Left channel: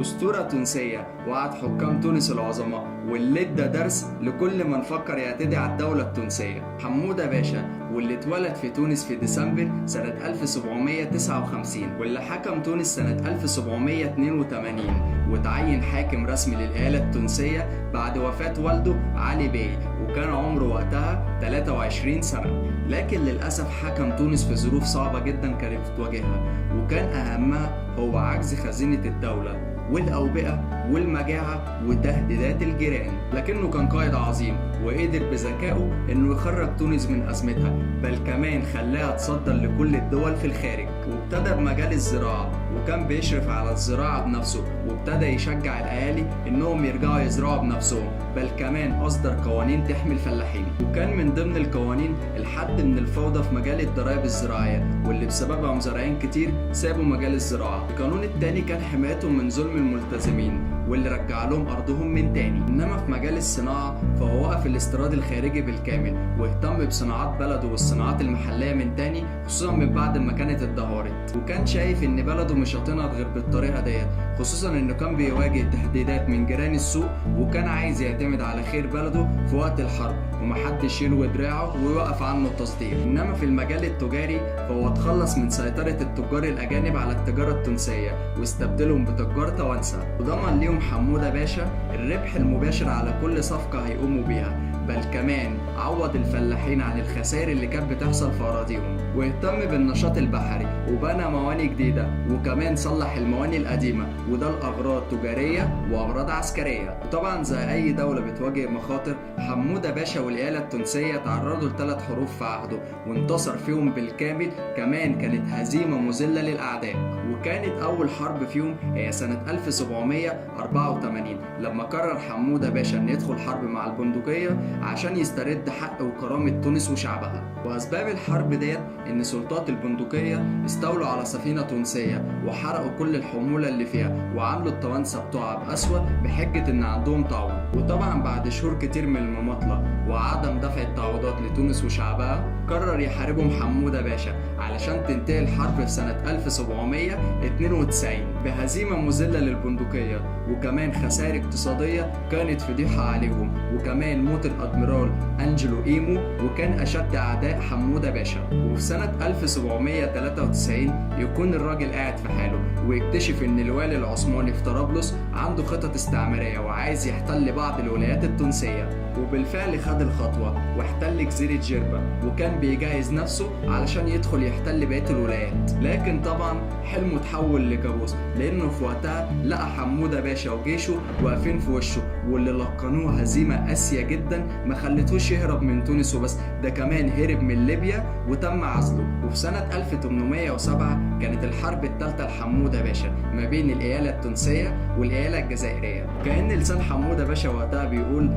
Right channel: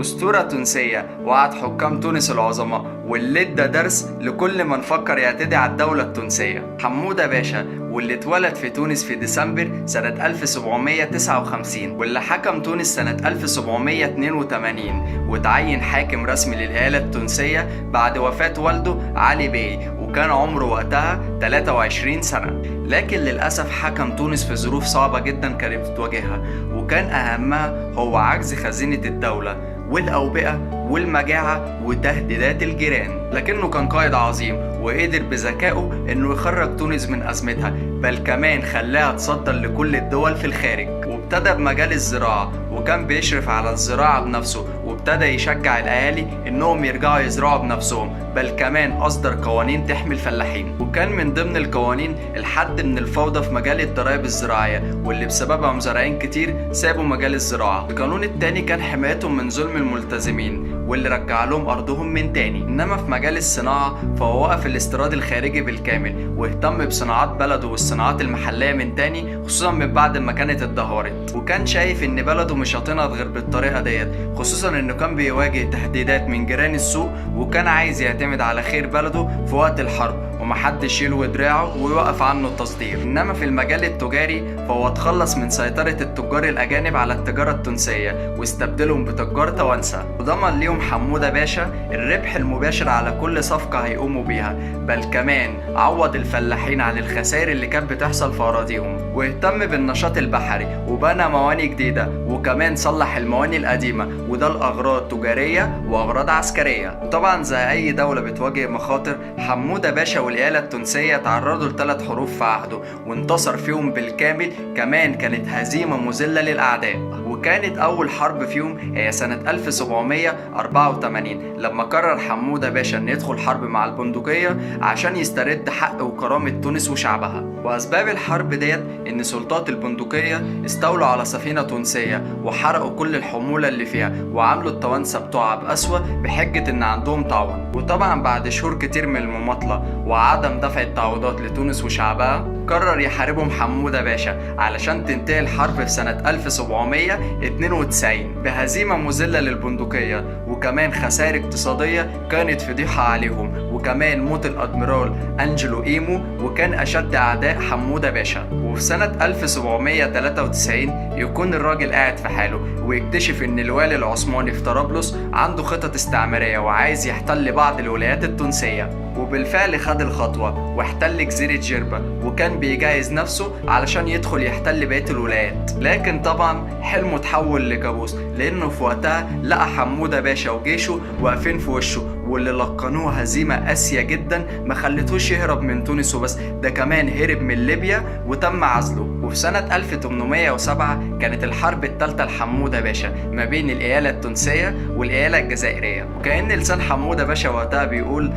أسطورة تونسية وعد حكام تونس العظماء، واللي ادى درس لكل من فكر يعتدي على الدولة التونسية. حمودة باشا، واللي اتولد في تونس في ديسمبر سنة 1759، واللي حكم تونس سنة 1782، وتعين حاكم رسمي للإيالة التونسية بعد وفاة والده علي بي، وكان عمره وقتها 23 سنة. لكن للأسف حكم تونس في ظروف صعبة جدا كانت بتواجهها، وكان أهمها هو عجز خزينة الدولة والأوبئة والمجاعة وتهديدات الجيران. لكنه كان قائد عظيم وقدر بذكائه انه يخرج تونس من أزمتها، بل كمان خلاها تصدر لكل الدول في الخارج. وابتدى بمجال الزراعة، وكان بيشرف على الزراعة بنفسه، وابتدى يشجع الأهالي انهم يرجعوا يزرعوا بنفسهم، بل كمان أصدر قوانين تحمي الفلاحين. وكان من ضمن القوانين الحد من الفوضى في مجال الضرائب الزراعية، واللي بسببها مزارعين كتير سابوا مجال الزراعة. القانون التاني كان حمايتهم من ظلم الملتزمين، واللي رجع لهم أرضهم من تاني. إنما في مجال الصناعة فهو وقف الاستيراد الخارجي بالكامل، واهتم بصناعات بلده والصناعات المحلية من تاني، خصوصا من بعد ما كانت اتدهورت. وكان شايف إن بلده مش هتنهض غير بالطريقة ديت، خصوصا إنه كان بيواجه تهديدات من جيران السوق، وكان عايز يعتمد على خير بلده في وقت الحرب، ومحدش يلوي دراعه ويوقف عنه التصدير. انما في المجال التجاري فهو اتخلص من سيطرة التجار الاجانب على التجارة التونسية، واستبدلهم بتجار توانسة، وضمن ليهم حمودة باشا الربح المباشر على كل صفقة هيقوموا بيها، بل كمان عوض الفلاحين عن الخسائر اللي كانت بتحصل في اراضيهم. واهتم بالنشاط البحري وبنى مواني جديدة، وكمان صلح المواني القديمة، وده لأغراض تجارية وأغراض عسكرية. وطبعا زي أي دولة بتواجه مخاطر، حمودة باشا والإيالة التونسية تعرضوا ل3 حروب في عهده، وانتصر فيهم بالكامل. كمان كانت هزيمة مذلة للأعداء. وكانت أول حرب فيهم هي سنة 1784، لما قرر حمودة باشا أن يدخل حرب مع البندقية عشان يسترد حق وكرامة تونس وشعبها. وأسباب الحرب ديت إن سلطات البندقية استولوا على سفينة تونسية، وحرقوا كل الحمولة اللي فيها، وعملوا التوانسة بتوعها بأسوأ بحجة إن عندهم طاعون. وطبعا بعد شهور كتير من المماطلة وعدم دفع التعويضات لتونس وشعبها، قرر يحاربهم حمودة باشا علشان تنتهي الحرب في سنة 1792 بهزيمة مذلة للبندقية، وكمان خسائر اقتصادية كانت فضيحة عليهم، وكمان موت الأدميرال أنجلو إيمو، وكان أشد أعداء حمودة باشا. وفي سنة 1793 يكون الراجل قاعد في حاله، ويكتشف إن الوالي العثماني في طرابلس عنده خطط استعمارية وعايز يحتل بعض الولايات التونسية. وبالفعل خد الخطوة واحتل جزيرة جربة، وكان بيجهز نفسه علشان يدخل يحتل بقية الولايات. لكن طبعا حلمه تحول لكابوس، لأنه في وقتها لقى حمودة باشا وجيشه واقفين في وشه، واللي لقنوه هزيمة قاسية جدا ما خلتوش يهرب من تونس وبس، ده كمان هرب من ليبيا وتم عزله. وفي سنة 1807 كانت الحرب الثالثة لحمودة باشا ما بين الإيالة التونسية والإيالة الجزائرية. وكأن لسان حمودة باشا وقتها بيقول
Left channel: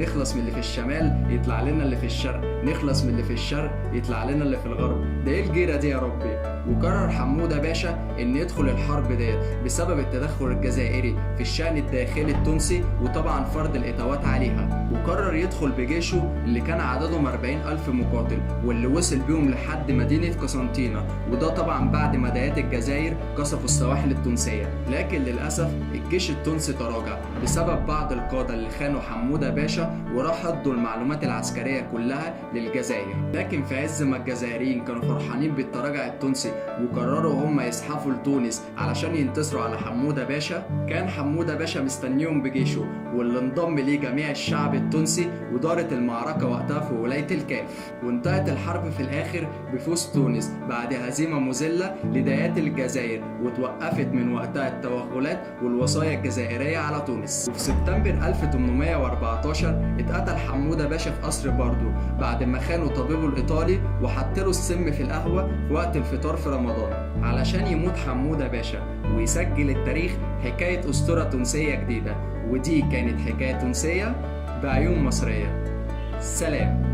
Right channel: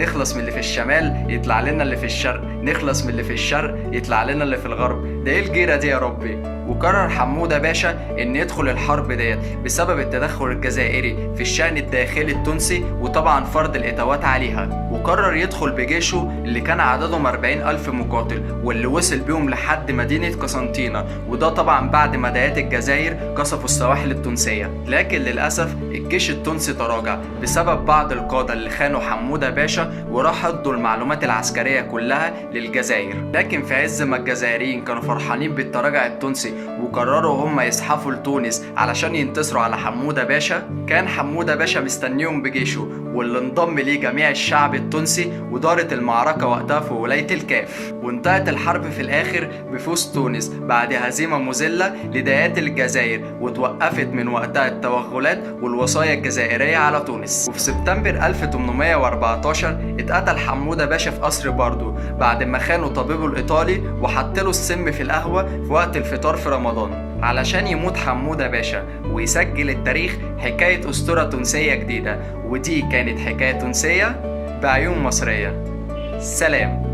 نخلص من اللي في الشمال يطلع لنا اللي في الشرق، نخلص من اللي في الشرق يطلع لنا اللي في الغرب، ده ايه الجيرة دي يا ربي؟ وقرر حمودة باشا ان يدخل الحرب ديت بسبب التدخل الجزائري في الشأن الداخلي التونسي، وطبعا فرض الإتاوات عليها. وقرر يدخل بجيشه اللي كان عددهم 40,000 مقاتل، واللي وصل بيهم لحد مدينة قسنطينة، وده طبعا بعد ما ديات الجزائر قصفوا السواحل التونسية. لكن للأسف الجيش التونسي تراجع بسبب بعض القادة اللي خانوا حمودة باشا، وراح ادوا المعلومات العسكرية كلها للجزائر. لكن في عز ما الجزائريين كانوا فرحانين بالتراجع التونسي وقرروا هم يزحفوا لتونس علشان ينتصروا على حمودة باشا، كان حمودة باشا مستنيهم بجيشه، واللي انضم ليه جميع الشعب التونسي. ودارت المعركة وقتها في ولاية الكاف، وانتهت الحرب في الآخر بفوز تونس بعد هزيمة مذلة لديات الجزائر، وتوقفت من وقتها التوغلات والوصايا الجزائرية على تونس. وفي سبتمبر 1814 اتقتل حمودة باشا في قصر باردو بعد ما خانوا طبيبه الإيطالي وحطله السم في القهوة في وقت الفطار في رمضان علشان يموت حمودة باشا ويسجل التاريخ حكاية أسطورة تونسية جديدة. ودي كانت حكاية تونسية بعيون مصرية. سلام.